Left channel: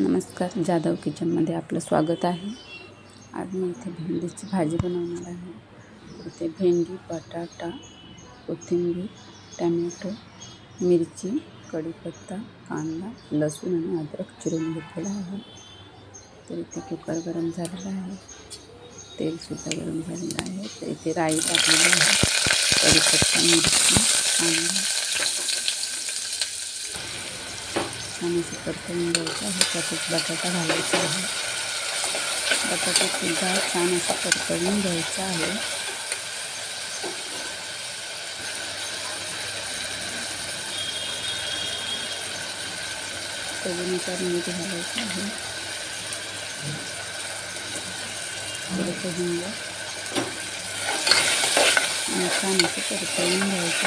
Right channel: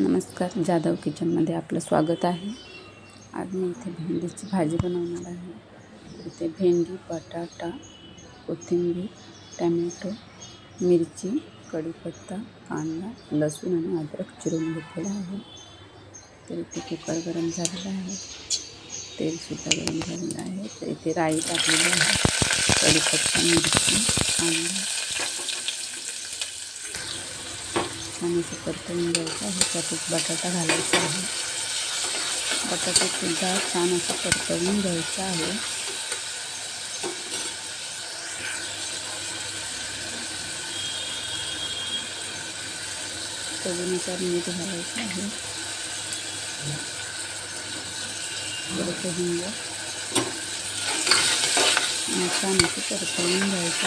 नमस्कार जाधव किचनमध्ये आपलं स्वागत आहे. आज मी इथे भेंडीची भाजी बनवणार आहे. इथे भेंडी बटाटा कोथिंबीर टॅमॅटो मिरची कढीपत्ता कांदा लसूण आणि अद्रक चिरून घेतलेला आहे. तर इथे कुकर गरम झालेला आहे. तेलसुद्धा गरम झालेलं आहे. तर इथे राई टाकलेली आहे. कढीपत्ता मिरची कांदा. छान असं परतवून घ्यायचं आहे. त्यातच बटाटा घालायचा आहे. छान असं परतवून घ्यायचं आहे. मीठ घालायचं छान असं परतवून घ्यायचं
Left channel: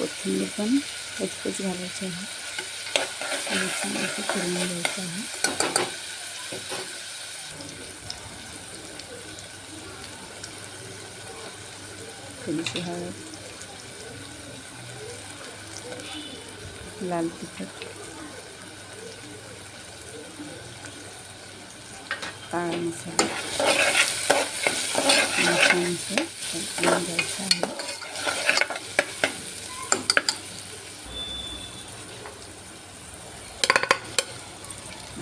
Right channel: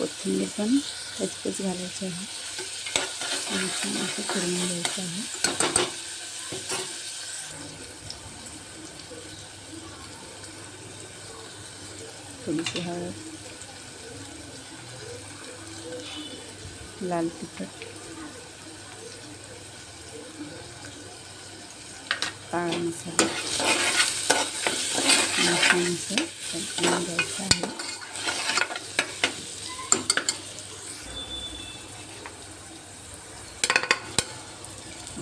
कोथिंबीर पण कचकच घालायची आहे. आणि छान असं करून घ्यायचं आहे. थोडीशी हळद. लाल तिखट. काळा मसाला. छान असं घ्यायचं आहे.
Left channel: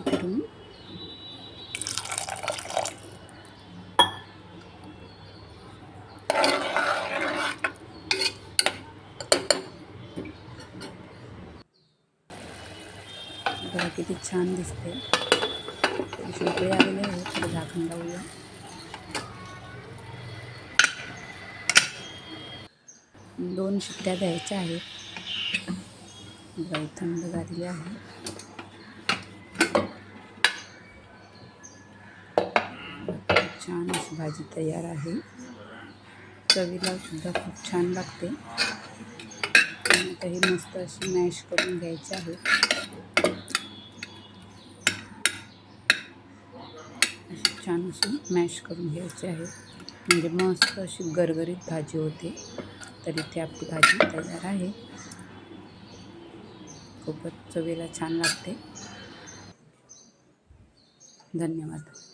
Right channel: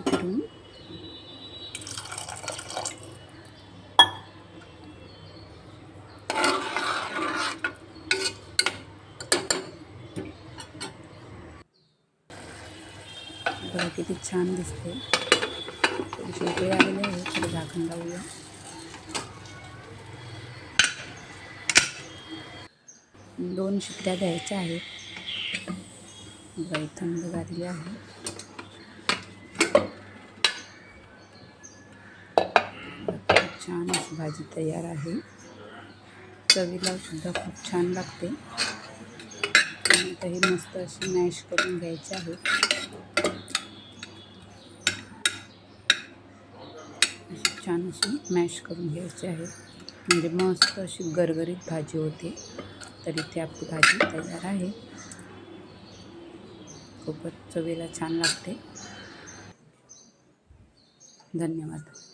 फिरून बघा किती छान दिसते थोडीशी उकळी आहे थोडं झाकण लावूया दोन शिट्ट्या द्यायच्या आहेत बाई थंड झालेली आहे छान अशी भाजी तयार आहे. चवीला सुद्धा खूप छान लागते. ही मस्त अशी मॅश करून छान अशी म्हणजे मस्त अशी गरगरीत भाजी होते. तर इथे आपली भाजी तयार आहे. खूपच चवीला छान लागते. धन्यवाद.